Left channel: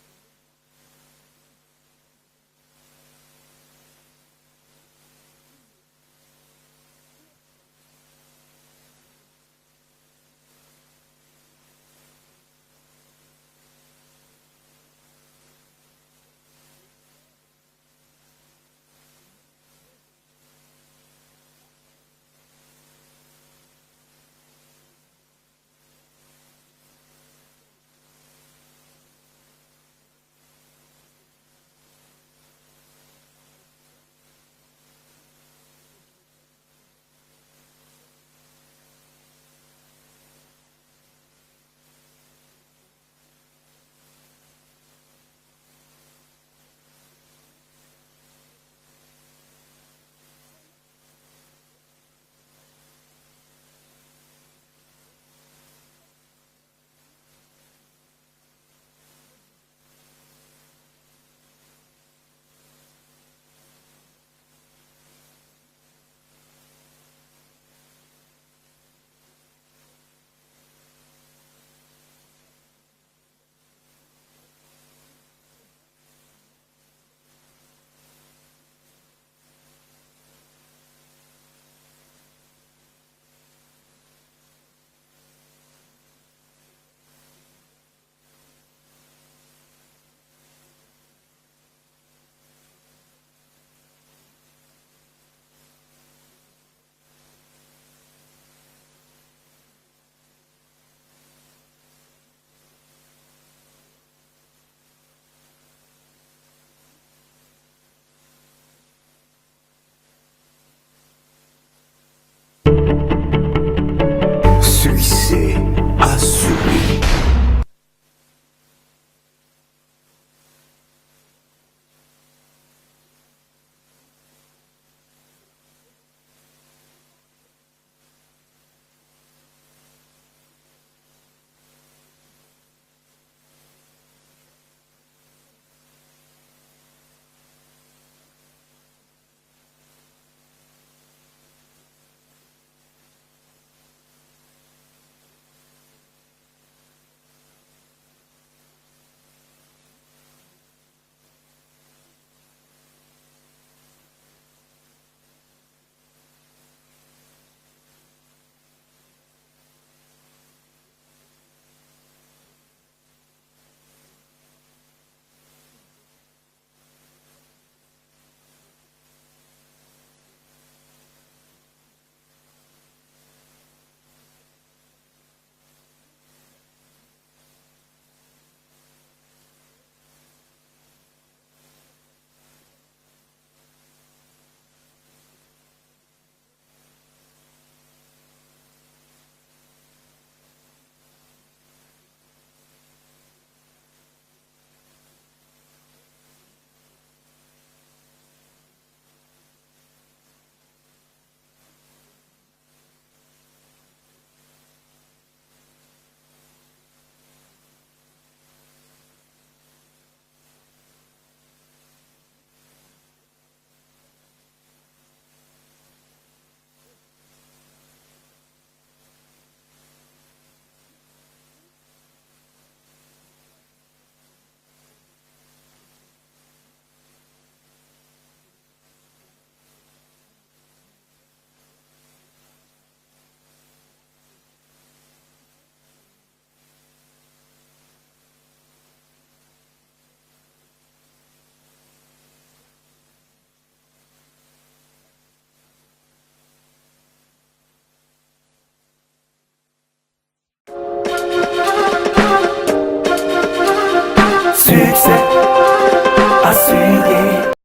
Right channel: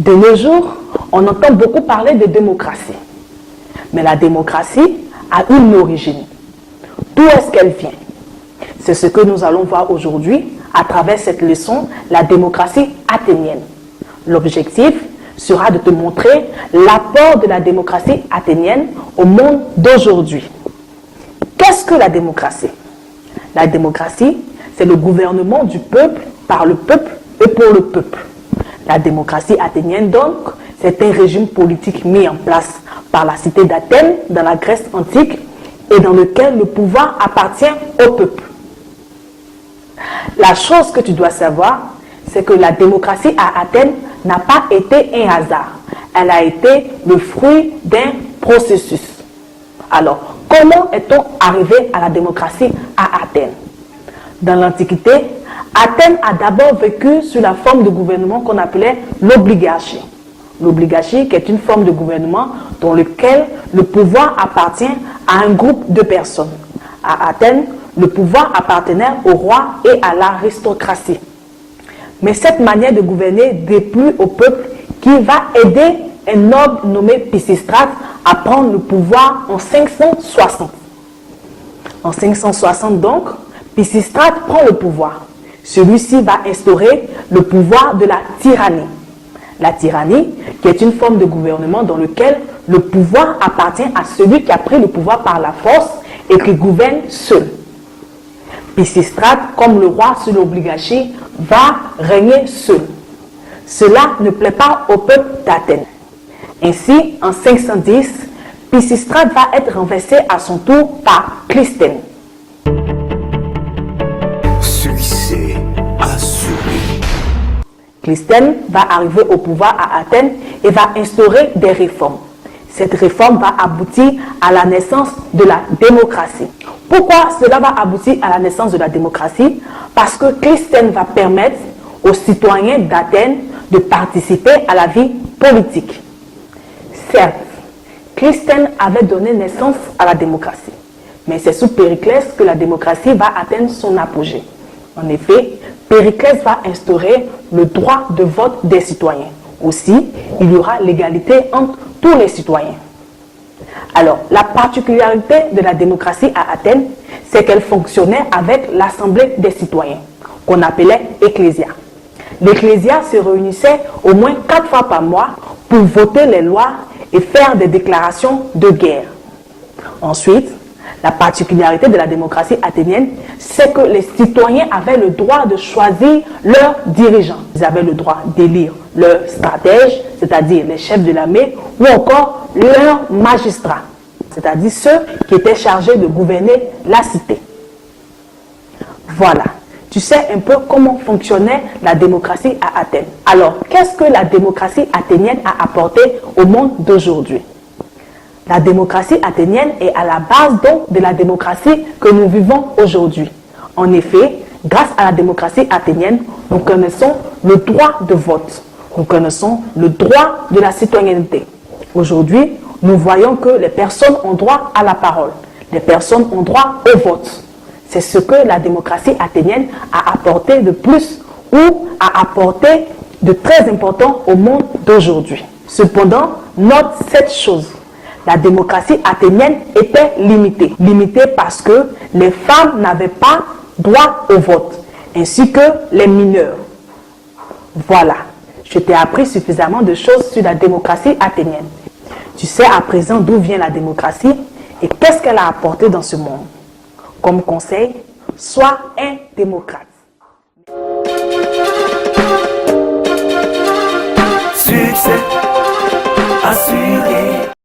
De nos jours, on entend beaucoup parler de démocratie. Mais la démocratie a une origine. D'où est-ce qu'elle vient? C'est ce que nous allons voir aujourd'hui à travers cette leçon, la démocratie athénienne. L'objectif sera de te montrer l'apport de la démocratie athénienne au monde d'aujourd'hui. Qu'est-ce que la démocratie? La démocratie, c'est le gouvernement du peuple, par le peuple et pour le peuple. La démocratie athénienne, donc, c'est un régime politique mis en place par la cité d'Athènes dans la Grèce antique et dans lequel le pouvoir appartient au peuple. La chose que tu dois savoir, c'est que la démocratie à Athènes n'a pas été un hasard. Elle a été le fruit d'un processus. Alors, comment est-on arrivé à la démocratie à Athènes? Dans l'Antiquité, Athènes a d'abord vécu sous la forme de gouvernement qu'on appelait l'obligarchie. L'obligarchie qui est une forme de gouvernement dans lequel le pouvoir appartient à un groupe de personnes. À Athènes, le pouvoir appartenait au roi et à l'aristocratie. Mais cette manière de gouverner déplut au peuple qui va aider un noble nommé Pisistrate à prendre le pouvoir en 560. En 560 donc, Pisistrate prend le pouvoir. Celui-ci va instaurer le pouvoir de la tyrannie. La tyrannie, qui est une forme de gouvernement dans lequel le pouvoir appartient à celui qui a pris le pouvoir par la force et qui gouverne seul. Pisistrate, comme le roi sous l'obligarchie, va régner seul. Cela ne plaît pas au peuple d'Athènes. Ainsi, en 510, Pisistrate va être renversé à son tour par Clisthène. Succès assuré. Clisthène va arriver au pouvoir à Athènes et va instaurer des réformes. Cette réforme va aboutir à la naissance de la démocratie. Pourquoi cela va aboutir à la naissance de la démocratie? Parce que Clisthène va permettre aux citoyens d'Athènes de participer à la vie politique. Certes, Clisthène avait donné naissance à la démocratie, mais c'est sous Périclès que la démocratie va atteindre son apogée. En effet, Périclès va instaurer le droit de vote des citoyens. Aussi, il y aura l'égalité entre tous les citoyens. Alors, la particularité de la démocratie à Athènes, c'est qu'elle fonctionnait avec l'Assemblée des citoyens, qu'on appelait Ecclésia. L'Ecclésia se réunissait au moins 4 fois par mois pour voter les lois et faire des déclarations de guerre. Ensuite, la particularité de la démocratie athénienne, c'est que les citoyens avaient le droit de choisir leurs dirigeants. Ils avaient le droit d'élire leurs stratèges, c'est-à-dire les chefs de l'armée, ou encore leurs magistrats, c'est-à-dire ceux qui étaient chargés de gouverner la cité. Voilà, tu sais un peu comment fonctionnait la démocratie à Athènes. Alors, qu'est-ce que la démocratie athénienne a apporté au monde d'aujourd'hui? La démocratie athénienne est à la base donc de la démocratie que nous vivons aujourd'hui. En effet, grâce à la démocratie athénienne, nous connaissons le droit de vote. Nous connaissons le droit de la citoyenneté. Aujourd'hui, nous voyons que les personnes ont droit à la parole. Les personnes ont droit au vote. C'est ce que la démocratie athénienne a apporté de plus ou a apporté de très important au monde d'aujourd'hui. Cependant, note cette chose. La démocratie athénienne était limitée. Limitée parce que les femmes n'avaient pas droit au vote, ainsi que les mineurs. Voilà, je t'ai appris suffisamment de choses sur la démocratie athénienne. Tu sais à présent d'où vient la démocratie et qu'est-ce qu'elle a apporté dans ce monde. Comme conseil, sois un démocrate. Succès